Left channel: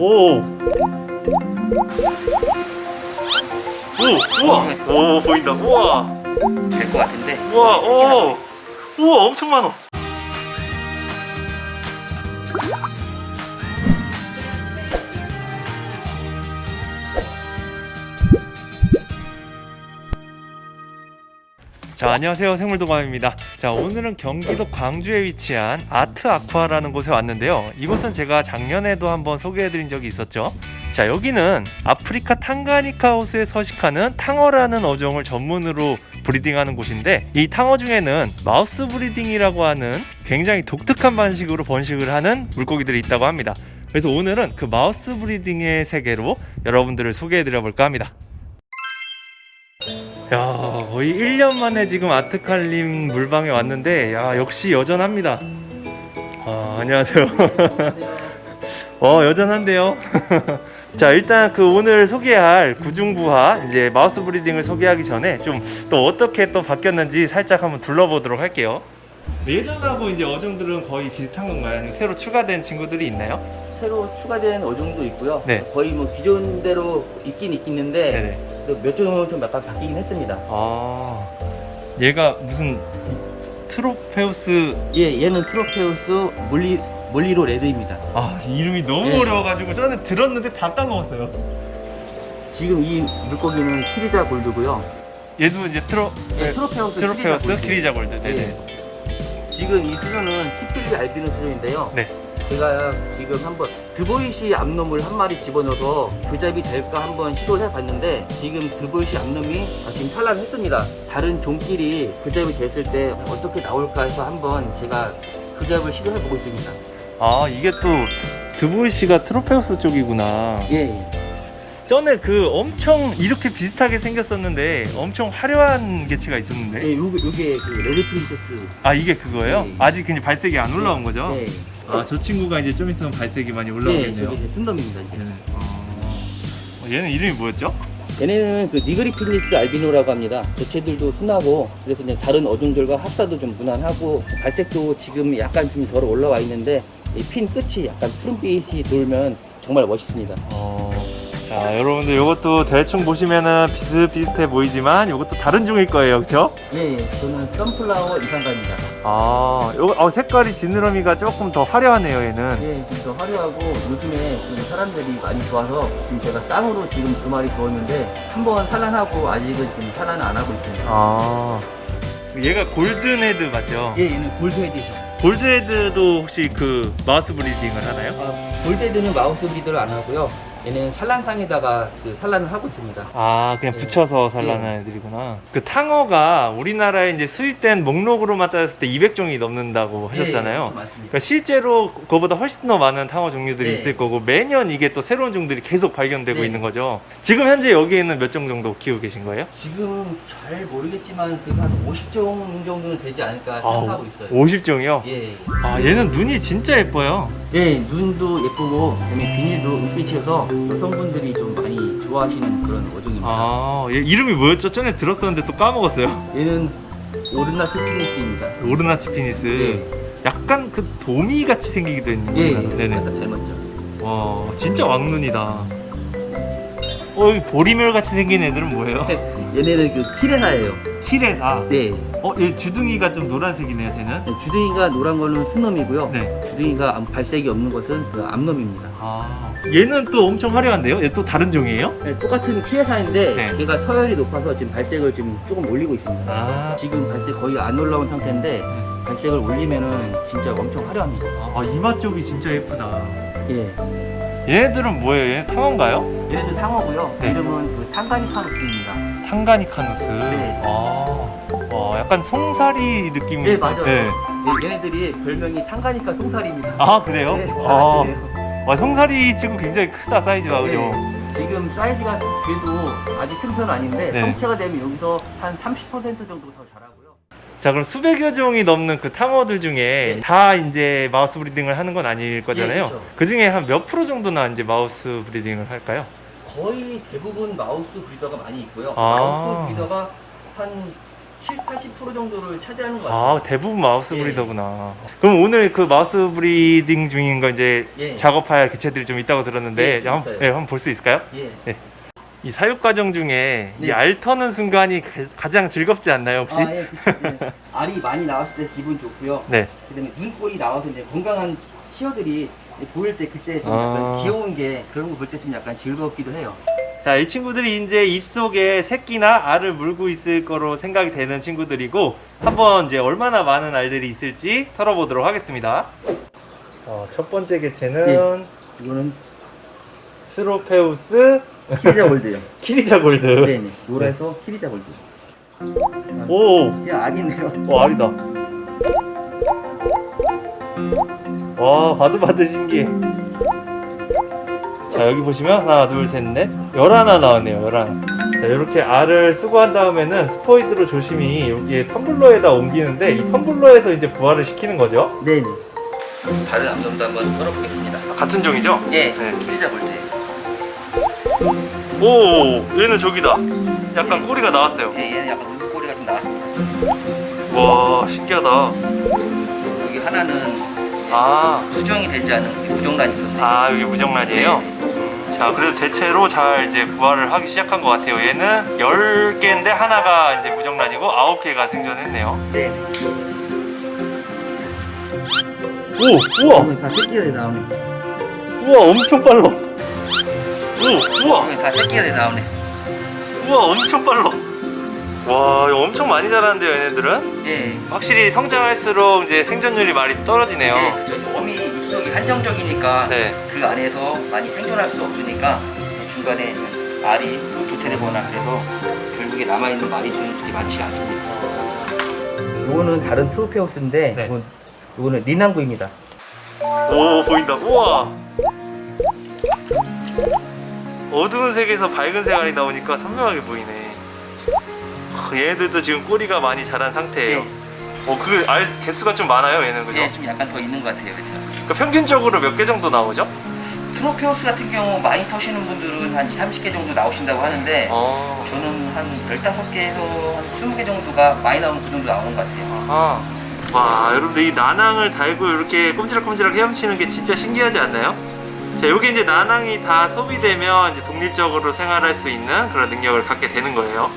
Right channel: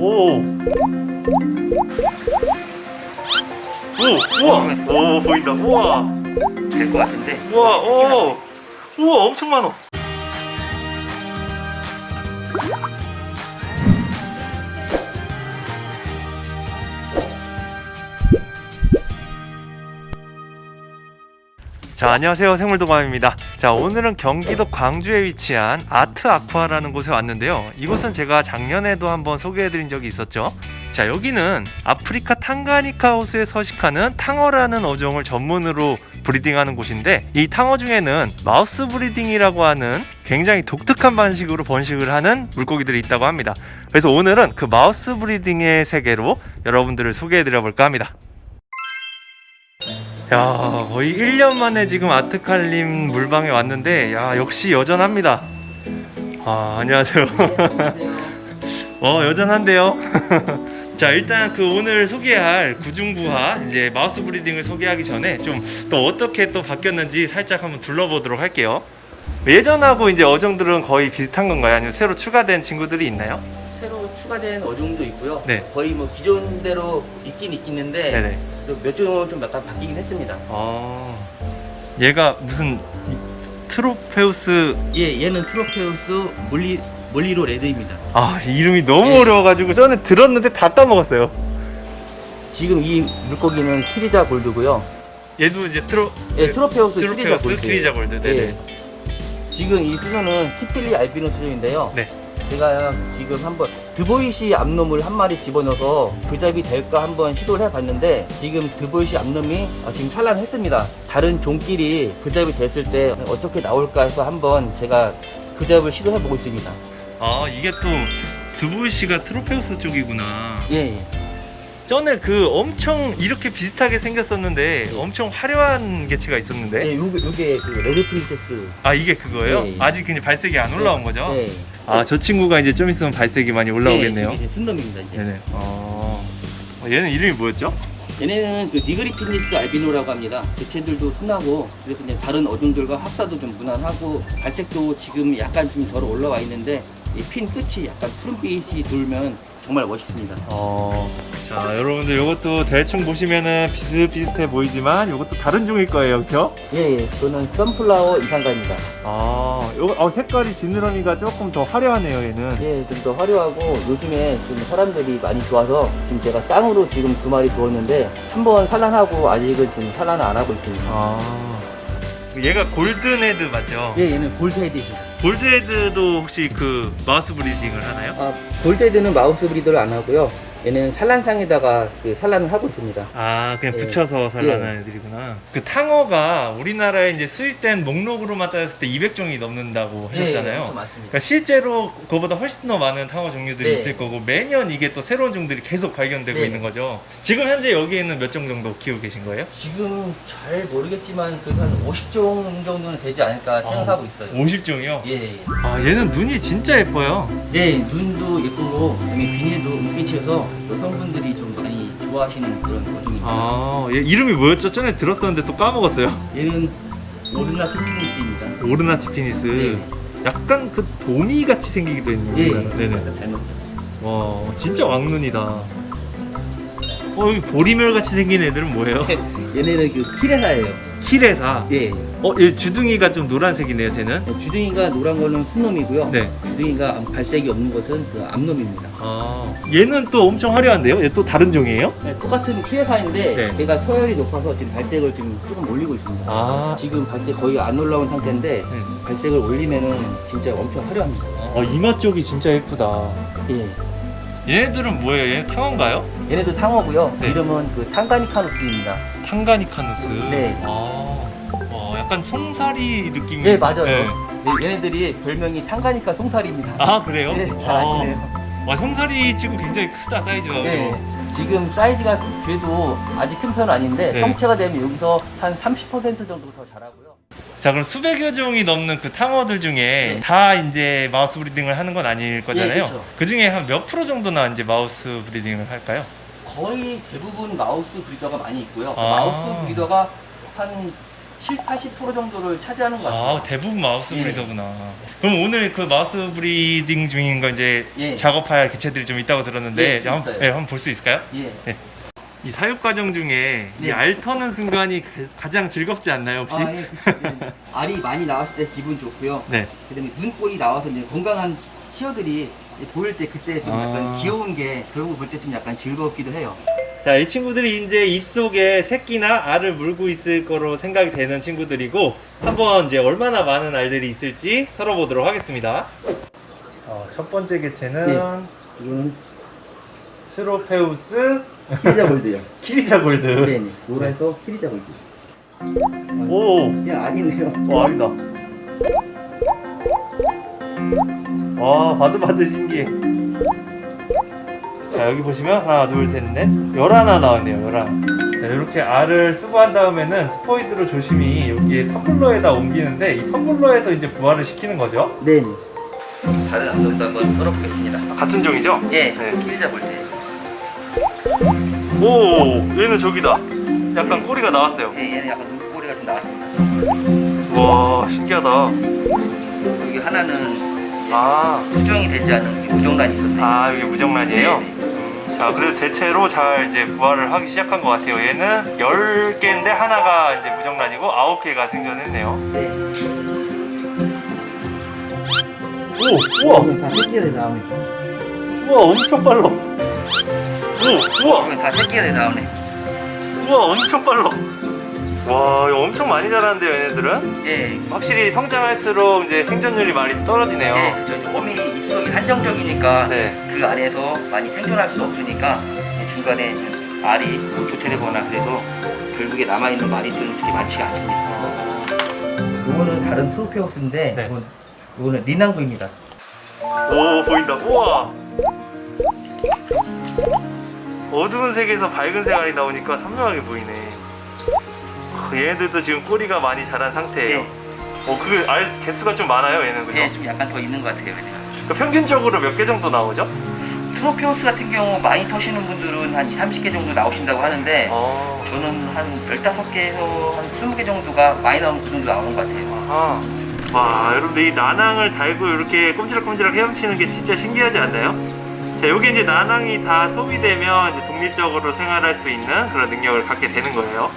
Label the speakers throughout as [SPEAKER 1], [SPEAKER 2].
[SPEAKER 1] 오. 오, 우와. 오, 보인다. 우와.
[SPEAKER 2] 될 것 같은데.
[SPEAKER 1] 우와, 오. 우와, 엄청 많아. 자, 안녕하세요. 생물도감입니다. 자, 오늘은 경기도 광주에 위치한 아트 아쿠아라는 곳에 왔는데요. 이곳은 제가 작년에도 한번 소개해드린 적이 있었죠. 자, 여기는 아프리카 탕가니카 호수에 서식하는 탕어라는 어종을 전문으로 브리딩하는 곳인데 이 탕어 중에는 마우스 브리딩이라고 하는 굉장히 독특한 방식으로 번식을 하는 물고기들이 있다고 합니다. 그래서 오늘은 그 마우스 브리딩의 세계로 여러분들을 소개해 드려 볼까 합니다. 야 거의 1년 만에 지금 아트칼림 물방에 왔는데 야 역시 여전합니다. 아 안녕하세요. 어 여전한데요? 자 일단 그 오늘 소개할 구중부화 이제 마우스 브리딩을 소개하기 전에 좀 또 어떻게 또 바뀌었는지 살짝 한번 둘러보도록 할게요. 예전하고 이제 어종들은 거의 비슷한 건가요? 아니면 새로 추가된 친구들이 있나요
[SPEAKER 2] 추가된 어종도 있고요.
[SPEAKER 1] 네.
[SPEAKER 2] 거의 뭐 기존대로 있긴 있겠는데
[SPEAKER 1] 네네
[SPEAKER 2] 또몇 종은 좀 약간 바뀌긴 했습니다.
[SPEAKER 1] 아 얘가 무슨 이- 트로페우스
[SPEAKER 2] 예, 얘는 트로페우스 몰리 몰리로 레드입니다.
[SPEAKER 1] 아 이름이 너무
[SPEAKER 2] 예.
[SPEAKER 1] 어려워가지고 저는 들었는데 다 까먹었어요.
[SPEAKER 2] 지금 이 물고기는 키리자 골드고요.
[SPEAKER 1] 얘도 이제 트로
[SPEAKER 2] 예,
[SPEAKER 1] 네,
[SPEAKER 2] 트로페우스.
[SPEAKER 1] 크리자 골드 네네.
[SPEAKER 2] 예. 지금 이 수조는 키필리 알비노 수조인데요.
[SPEAKER 1] 네.
[SPEAKER 2] 제가 지금 한번 드보이시 암놈을 한 마리 집어넣어서 불잡이 될까 한번 시도를 해봤는데 지금 드보이시 암놈이 아, 지금 산란했습니다. 다른 종끼리 불잡이 됐을 때 어떻게 나올까 해서 한번 제가 불잡을 시도해보고 있습니다.
[SPEAKER 1] 아 이게 또 드보이 씨가 트로페우스 쪽이구나.
[SPEAKER 2] 예, 예.
[SPEAKER 1] 전에 그 엄청 이렇게 비슷하게 생겼었는데 엄청 화려한 개체가 있었는데
[SPEAKER 2] 예, 요게, 요게 그 레드 프린세스.
[SPEAKER 1] 아 이게 그거예요?
[SPEAKER 2] 예.
[SPEAKER 1] 아직 근데 발색이 안 올라온 거죠?
[SPEAKER 2] 예.
[SPEAKER 1] 아 저 친구가 이제 좀 있으면 발색이 많이 올라오겠네요.
[SPEAKER 2] 예, 저게 이제.
[SPEAKER 1] 네네. 아 어, 얘는 이름이 뭐였죠?
[SPEAKER 2] 얘네는 그 니그리피니스 알비노라고 합니다. 개체들도 순하고 그래서 이제 다른 어종들과 합사도 좀 무난하고 발색도 지금 약간 좀 덜 올라와 있는데 이 핀 끝이 약간 푸른빛이 돌면 정말 멋있습니다.
[SPEAKER 1] 어. 자 여러분들 이것도 대충 보시면은 비슷비슷해 보이지만 이것도 다른 종일 거예요, 그렇죠?
[SPEAKER 2] 예, 예. 저는 선플라워 이상가입니다.
[SPEAKER 1] 아, 요거 어, 색깔이 지느러미가 조금 더 화려하네요, 얘는.
[SPEAKER 2] 예, 좀 더 화려하고 요즘에 좀 사람들이 많이 좋아서 지금 제가 쌍으로 지금 두 마리 두었는데 한 번 산란하고 아직은 지금 산란을 안 하고 있습니다.
[SPEAKER 1] 아, 얘가 골든헤드 맞죠?
[SPEAKER 2] 예, 얘는 골드헤드입니다.
[SPEAKER 1] 골드헤드도 혹시 그 마우스 브리딩을 하나요?
[SPEAKER 2] 아, 골드헤드는 마우스 브리더를 안 하고요. 얘는 산란상에다가 그 산란을 하고 있습니다.
[SPEAKER 1] 아, 그냥
[SPEAKER 2] 예.
[SPEAKER 1] 붙여서 산란하는 애들이구나. 그 탕어가 우리나라에 이제 수입된 목록으로만 따졌을 때 200종이 넘는다고 하셨잖아요.
[SPEAKER 2] 예, 그렇죠, 맞습니다.
[SPEAKER 1] 그러니까 실제로 그거보다 훨씬 더 많은 탕어 종류들이
[SPEAKER 2] 네.
[SPEAKER 1] 있을 거고 매년 이게 또 새로운 종들이 계속 발견되고
[SPEAKER 2] 네.
[SPEAKER 1] 있는 거죠. 지금 현재 여기에는 몇 종 정도 키우고 계신 거예요?
[SPEAKER 2] 지금 잘 모르겠지만 그래도 한 50종 정도는 되지 않을까 생각하고 있어요.
[SPEAKER 1] 50종이요?
[SPEAKER 2] 예,
[SPEAKER 1] 아 얘는 눈이 진짜 예뻐요.
[SPEAKER 2] 예, 눈도 예쁘고 그다음에 비닐도 눈빛에서 여성분들이 좀 많이 좋아하시는 그런 어종입니다.
[SPEAKER 1] 아, 얘 이름이 뭐였죠? 전에 들었었는데 또 까먹었어요.
[SPEAKER 2] 얘는 오르나 키피니스입니다.
[SPEAKER 1] 오르나 티피니스.
[SPEAKER 2] 예,
[SPEAKER 1] 약간 그 도미 같이 생기기도 했는데.
[SPEAKER 2] 예,
[SPEAKER 1] 네네.
[SPEAKER 2] 약간 닮았죠.
[SPEAKER 1] 와, 진짜 왕눈이다. 어, 여기 보리멸 같이 생긴 애들은 뭐예요?
[SPEAKER 2] 얘네는 그 키레나예요.
[SPEAKER 1] 키레사.
[SPEAKER 2] 네,
[SPEAKER 1] 어, 얘 주둥이가 좀 노란색이네요, 쟤는.
[SPEAKER 2] 주둥이가 노란 거는 순놈이고요.
[SPEAKER 1] 네.
[SPEAKER 2] 주둥이가 암- 발색이 없는 것은 그 암놈입니다.
[SPEAKER 1] 아, 얘는 또 엄청 화려한데요? 얘 또 다른 종이에요?
[SPEAKER 2] 네, 똑같은 키레사인데
[SPEAKER 1] 네.
[SPEAKER 2] 걔가 서열이 높아서 지금 발색을 지금 조금 올리고 있습니다.
[SPEAKER 1] 아,
[SPEAKER 2] 지금 발색 거의 안 올라온 상태인데
[SPEAKER 1] 네.
[SPEAKER 2] 발색을 올리면은 진짜 엄청 화려합니다.
[SPEAKER 1] 아, 이마 쪽이 진짜 예쁘다.
[SPEAKER 2] 예.
[SPEAKER 1] 얘네들은 뭐예요? 얘네 탕어인가요?
[SPEAKER 2] 얘네들 탕어고요.
[SPEAKER 1] 네.
[SPEAKER 2] 이름은 그 탕가니카누스입니다.
[SPEAKER 1] 탕가니카누스.
[SPEAKER 2] 네.
[SPEAKER 1] 아, 와, 약간 송사리 느낌이.
[SPEAKER 2] 네, 맞아요.
[SPEAKER 1] 네.
[SPEAKER 2] 네, 얘네들이 별명이 탕가니카 송사리입니다.
[SPEAKER 1] 아, 그래요?
[SPEAKER 2] 네, 잘
[SPEAKER 1] 아,
[SPEAKER 2] 아시네요.
[SPEAKER 1] 와, 송사리 지금 굉장히 크다, 사이즈가. 그죠?
[SPEAKER 2] 네. 지금 사이즈가 그래도 아직 큰 편은 아닌데
[SPEAKER 1] 네.
[SPEAKER 2] 성체가 되면 여기서 한 30% 정도 더 자라고요.
[SPEAKER 1] 자, 그럼 수백여 종이 넘는 그 탕어들 중에
[SPEAKER 2] 네.
[SPEAKER 1] 다 이제 마우스 브리딩을 하는 건 아닐 거잖아요.
[SPEAKER 2] 그쵸.
[SPEAKER 1] 그 중에 한 몇 프로 정도나 이제 마우스 브리딩을 할까요?
[SPEAKER 2] 거의 대부분 마우스 브리더가 많이 있고요.
[SPEAKER 1] 아.
[SPEAKER 2] 마우스 브리더가 한 7, 80% 정도를 차지하는 것 같아요.
[SPEAKER 1] 아 대부분 마우스
[SPEAKER 2] 예.
[SPEAKER 1] 브리더구나. 그럼 오늘 그 마우스 브리딩 중인 거 이제
[SPEAKER 2] 예.
[SPEAKER 1] 작업할 개체들이 좀 있다고 들었는데
[SPEAKER 2] 예, 좀
[SPEAKER 1] 한번,
[SPEAKER 2] 있어요.
[SPEAKER 1] 예, 한번 볼 수 있을까요?
[SPEAKER 2] 예.
[SPEAKER 1] 이 사육 과정 중에 이
[SPEAKER 2] 네.
[SPEAKER 1] 알 터는 순간이 가- 가장 즐겁지 않나요 혹시?
[SPEAKER 2] 아, 예, 그쵸. 예. 알이 많이 나왔을 때 기분 좋고요.
[SPEAKER 1] 네.
[SPEAKER 2] 그다음에 눈꼴이 나와서 이제 건강한 치어들이 이제 보일 때 그때 좀 약간
[SPEAKER 1] 아.
[SPEAKER 2] 귀여운 게 그런 거 볼 때 좀 약간 즐겁기도 해요.
[SPEAKER 1] 자, 이 친구들이 이제 입속에 새끼나 알을 물고 있을 거로 생각이 되는 친구들이고 한번 이제 얼마나 많은 알들이 있을지 털어보도록 하겠습니다. 어, 첫 번째 개체는
[SPEAKER 2] 예. 이거는
[SPEAKER 1] 스로페우스
[SPEAKER 2] 키리자 골드요.
[SPEAKER 1] 키리자 골드.
[SPEAKER 2] 네, 네. 노래서 키리자 골드.
[SPEAKER 1] 오,
[SPEAKER 2] 그냥 악이네요.
[SPEAKER 1] 오 아니다. 와, 바들바들 신기해. 자, 여기 보시면 하나, 둘, 셋, 넷, 열하나 나왔네요. 열하나. 자, 이렇게 알을 수거한 다음에는 스포이드로 조심히 여기에 텀블러에다 옮기는데 이 텀블러에서 이제 부화를 시키는 거죠.
[SPEAKER 2] 네, 네. 다른 암놈도 한번 털어보겠습니다.
[SPEAKER 1] 같은 종이죠?
[SPEAKER 2] 예,
[SPEAKER 1] 네.
[SPEAKER 2] 키리자 골드.
[SPEAKER 1] 오, 얘는 저기다. 약간
[SPEAKER 2] 예.
[SPEAKER 1] 꼬리가 나왔어요.
[SPEAKER 2] 예, 얘는 약간 눈꼬리가 좀 나왔습니다.
[SPEAKER 1] 와, 신기하다.
[SPEAKER 2] 여기 하나는 이제
[SPEAKER 1] 아,
[SPEAKER 2] 수정이 되지 않은 무정란이 있었네요.
[SPEAKER 1] 아 여기 무정란이에요?
[SPEAKER 2] 네, 네.
[SPEAKER 1] 음, 자, 그래도 대체로 잘 이제 부화를 하기 시작한 것 같아요. 얘는 10개인데 하나가 이제 무정란이고 9개가 생존했네요.
[SPEAKER 2] 네.
[SPEAKER 1] 오, 우와,
[SPEAKER 2] 다 새끼가 돼 나오네.
[SPEAKER 1] 우와, 엄청 빨라. 오, 우와,
[SPEAKER 2] 다 새끼가 돼 나오네.
[SPEAKER 1] 우와, 엄청 빨라. 와, 이거 엄청 많이 자라는데요, 얘네들은?
[SPEAKER 2] 예.
[SPEAKER 1] 확실히 성장할수록 이제 생존율이 많이 떨어지네요.
[SPEAKER 2] 예, 그렇죠. 어미 입속이 한정적이니까
[SPEAKER 1] 네.
[SPEAKER 2] 그 안에서 많이 생존할 수 없으니까 중간에 알이 도태되거나 그래서 결국에 남아있는 마리수는 그렇게 많지가 않습니다. 이거는 다른 트로페우스인데
[SPEAKER 1] 네.
[SPEAKER 2] 이건, 이거는 리난구입니다.
[SPEAKER 1] 오 보인다 우와 어두운 색에서 밝은 색깔이 나오니까 선명하게 보이네 하, 얘네들도 지금 꼬리가 많이 자란 상태예요
[SPEAKER 2] 예,
[SPEAKER 1] 어, 그 알 개수가 좀 많아요 얘는 그죠?
[SPEAKER 2] 예, 좀 약간 더 있는 것 같아요. 얘네가.
[SPEAKER 1] 그 평균적으로 몇 개 정도 나오죠?
[SPEAKER 2] 트로페우스 같은 경우 많이 터시는 분들은 한 2, 30개 정도 나오신다고 하는데
[SPEAKER 1] 어,
[SPEAKER 2] 저는 한 15개에서 한 20개 정도가 많이 나오면 그 정도 나오는 것 같아요.
[SPEAKER 1] 아. 와 여러분들 이 나낭을 달고 이렇게 꼼지락꼼지락 헤엄치는 게 진짜 신기하지 않나요? 자 여기 이제 나낭이 다 소비되면 이제 독립적으로 생활할 수 있는 그런 능력을 갖게 되는 거예요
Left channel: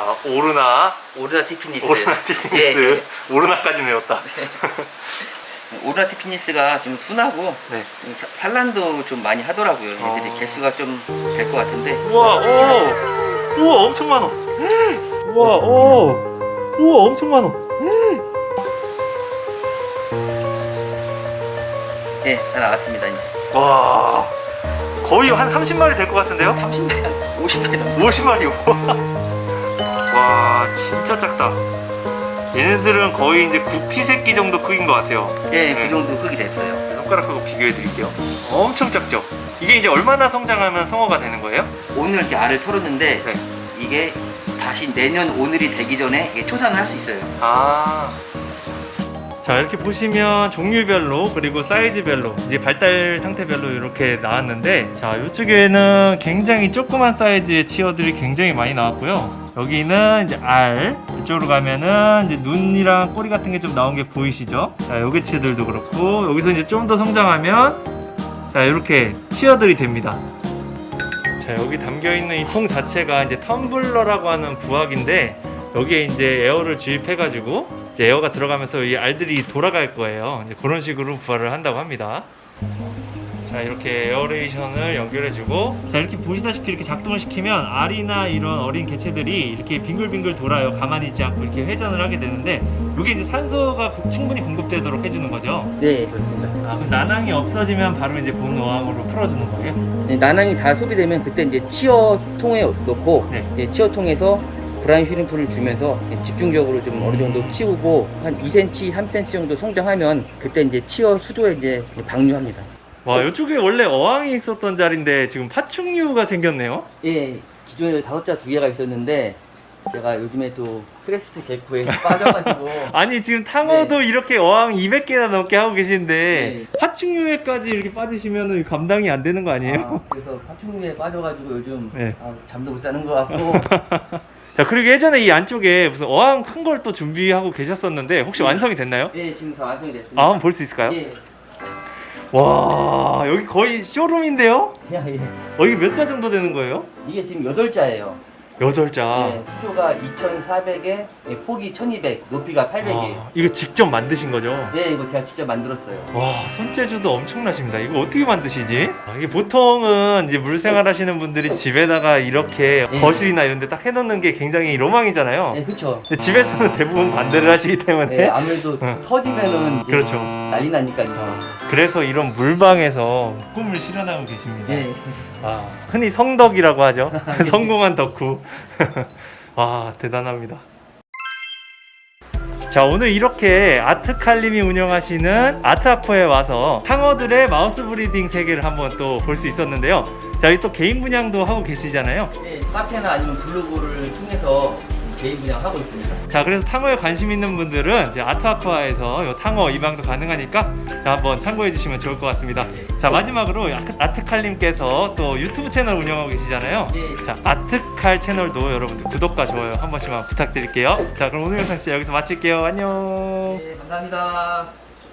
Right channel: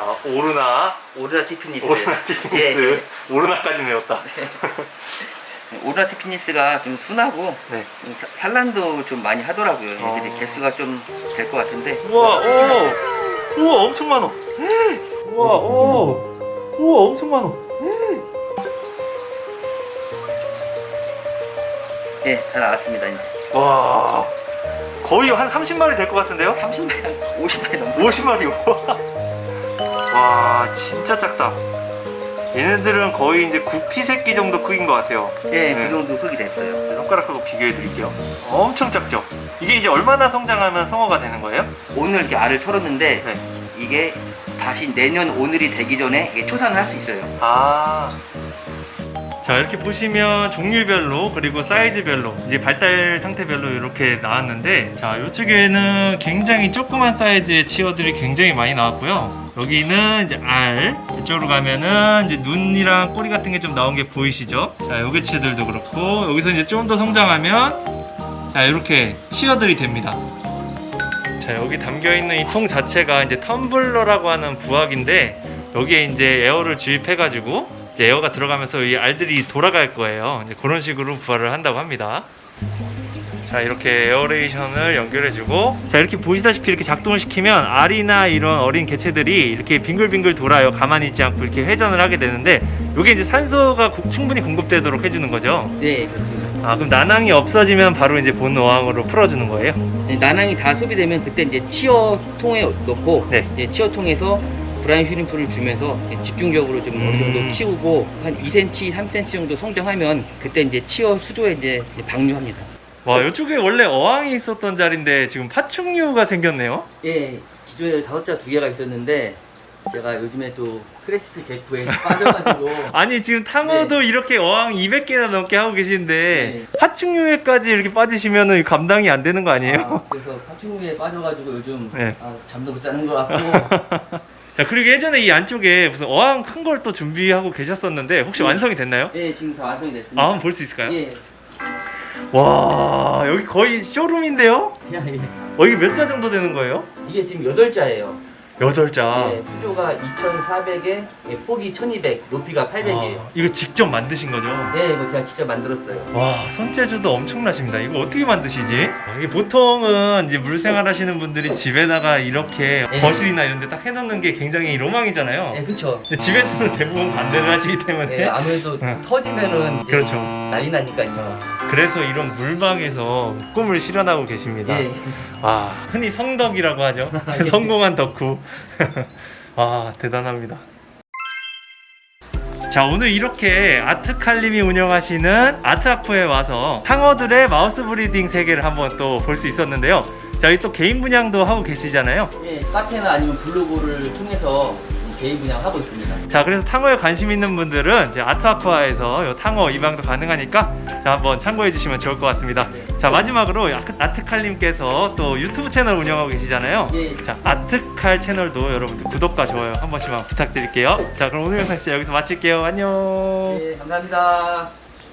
[SPEAKER 1] 자 오르나
[SPEAKER 2] 오르나 티피니스.
[SPEAKER 1] 오르나
[SPEAKER 2] 예,
[SPEAKER 1] 티피니스 오르나까지 외웠다
[SPEAKER 2] 예. 오르나 티피니스가 좀 순하고
[SPEAKER 1] 네
[SPEAKER 2] 사- 산란도 좀 많이 하더라고요. 얘들이
[SPEAKER 1] 어.
[SPEAKER 2] 개수가 좀 될 것 같은데.
[SPEAKER 1] 우와 오 우와 엄청 많아 우와 오 우와 엄청 많아
[SPEAKER 2] 예, 다 나왔습니다, 이제.
[SPEAKER 1] 와 거의 한 30마리 될 것 같은데요?
[SPEAKER 2] 30마리, 50마리 넘고.
[SPEAKER 1] 50마리 와 진짜 작다 얘네들은 거의 이제 구피 새끼 정도 크기인 것 같아요
[SPEAKER 2] 예,
[SPEAKER 1] 네.
[SPEAKER 2] 그 정도 흙이 됐어요.
[SPEAKER 1] 제 손가락하고 비교해 드릴게요 엄청 작죠 이게 이제 얼마나 성장하면 성어가 되는 거예요?
[SPEAKER 2] 오늘 이렇게 알을 털었는데,
[SPEAKER 1] 네.
[SPEAKER 2] 이게 다시 내년 오늘이 되기 전에 이게 초산을 할 수 있어요.
[SPEAKER 1] 아. 자 이렇게 보시면 종류별로 그리고 사이즈별로 이제 발달 상태별로 이렇게 나왔는데 자 이쪽에는 굉장히 조그만 사이즈의 치어들이 굉장히 많이 나왔고요. 여기는 이제 알 이쪽으로 가면은 이제 눈이랑 꼬리 같은 게 좀 나온 게 보이시죠? 자 요게 치들도 그렇고 여기서 이제 좀 더 성장하면 자 이렇게 치어들이 됩니다. 자 여기 담겨 있는 이 통 자체가 이제 텀블러라고 하는 부화기인데 여기에 이제 에어를 주입해 가지고 이제 에어가 들어가면서 이 알들이 돌아갈 거예요. 이제 그런 식으로 부화를 한다고 합니다. 자 이렇게 에어레이션을 연결해주고 자 이렇게 보시다시피 이렇게 작동을 시키면 알이나 이런 어린 개체들이 이렇게 빙글빙글 돌아요. 가만히 있지 않고 이렇게 회전을 하게 되는데 이게 이제 산소가 고- 충분히 공급되도록 해주는 거죠.
[SPEAKER 2] 네, 그렇습니다.
[SPEAKER 1] 아 그럼 난항이 없어지면 바로 이제 본 어항으로 풀어주는 거예요.
[SPEAKER 2] 네, 나낭이 다 소비되면 그때 이제 치어 통에 넣고,
[SPEAKER 1] 네.
[SPEAKER 2] 이제 치어 통에서 브라인 슈림프를 주면서 이렇게 집중적으로 좀 어느 정도
[SPEAKER 1] 음.
[SPEAKER 2] 키우고, 한 2cm, 3cm 정도 성장하면 그때 이제 치어 수조에 이제 방류합니다.
[SPEAKER 1] 와 이쪽에 원래 어항이 있었던 자리인데 지금 파충류가 생겼네요.
[SPEAKER 2] 예, 기존에 다섯 자 두 개가 있었는데 제가 요즘에 또 크레스트 개코에 빠져가지고
[SPEAKER 1] 아니 지금 탕어도 이렇게 어항 200개나 넘게 하고 계신데
[SPEAKER 2] 네.
[SPEAKER 1] 하충류에까지 이렇게 빠지시면은 감당이 안 되는 거 아니에요?
[SPEAKER 2] 아, 그래서 파충류에 빠져가지고 요즘
[SPEAKER 1] 네.
[SPEAKER 2] 아, 잠도 못 자는 것 같고
[SPEAKER 1] 자 그리고 예전에 이 안쪽에 무슨 어항 큰 걸 또 준비하고 계셨었는데 혹시
[SPEAKER 2] 네.
[SPEAKER 1] 완성이 됐나요?
[SPEAKER 2] 예 지금 다 완성이 됐습니다.
[SPEAKER 1] 아 한번 볼 수 있을까요?
[SPEAKER 2] 예.
[SPEAKER 1] 와 여기 거의 쇼룸인데요?
[SPEAKER 2] 그냥 이게,
[SPEAKER 1] 어 이게 몇 자 정도 되는 거예요?
[SPEAKER 2] 이게 지금 여덟 자예요.
[SPEAKER 1] 여덟 자.
[SPEAKER 2] 예, 수조가 2,400에 예, 폭이 1,200, 높이가 800이에요.
[SPEAKER 1] 아, 이거 직접 만드신 거죠?
[SPEAKER 2] 네, 이거 제가 직접 만들었어요.
[SPEAKER 1] 와 손재주도 엄청나십니다. 이거 어떻게 만드시지? 아, 이게 보통은 이제 물 생활 하시는 분들이 집에다가 이렇게
[SPEAKER 2] 예.
[SPEAKER 1] 거실이나 이런 데 딱 해놓는 게 굉장히 로망이잖아요.
[SPEAKER 2] 예, 그렇죠.
[SPEAKER 1] 근데 집에서는 대부분 반대를 하시기 때문에
[SPEAKER 2] 예, 아무래도
[SPEAKER 1] 네.
[SPEAKER 2] 터지면은 이제
[SPEAKER 1] 그렇죠.
[SPEAKER 2] 난리 나니까.
[SPEAKER 1] 아, 그래서 이런 물방에서 꿈을 실현하고 계십니다.
[SPEAKER 2] 예.
[SPEAKER 1] 아, 흔히 성덕이라고 하죠. 성공한 덕후. 와, 대단합니다. 자, 오늘 이렇게 아트칼림이 운영하시는 아트아쿠에 와서 탕어들의 마우스 브리딩 세계를 한번 또 볼 수 있었는데요. 자, 여기 또 개인 분양도 하고 계시잖아요.
[SPEAKER 2] 예, 카페나 아니면 블로그를 통해서 개인 분양하고 있습니다.
[SPEAKER 1] 자, 그래서 탕어에 관심 있는 분들은 이제 아트아쿠아에서 요 탕어 입양도 가능하니까 자, 한번 참고해 주시면 좋을 것 같습니다. 자, 마지막으로 아트- 아트칼님께서 또 유튜브 채널 운영하고 계시잖아요.
[SPEAKER 2] 예.
[SPEAKER 1] 자, 아트칼 채널도 여러분들 구독과 좋아요 한 번씩만 부탁드릴게요. 자, 그럼 오늘 영상 진짜 여기서 마칠게요. 안녕.
[SPEAKER 2] 예, 감사합니다.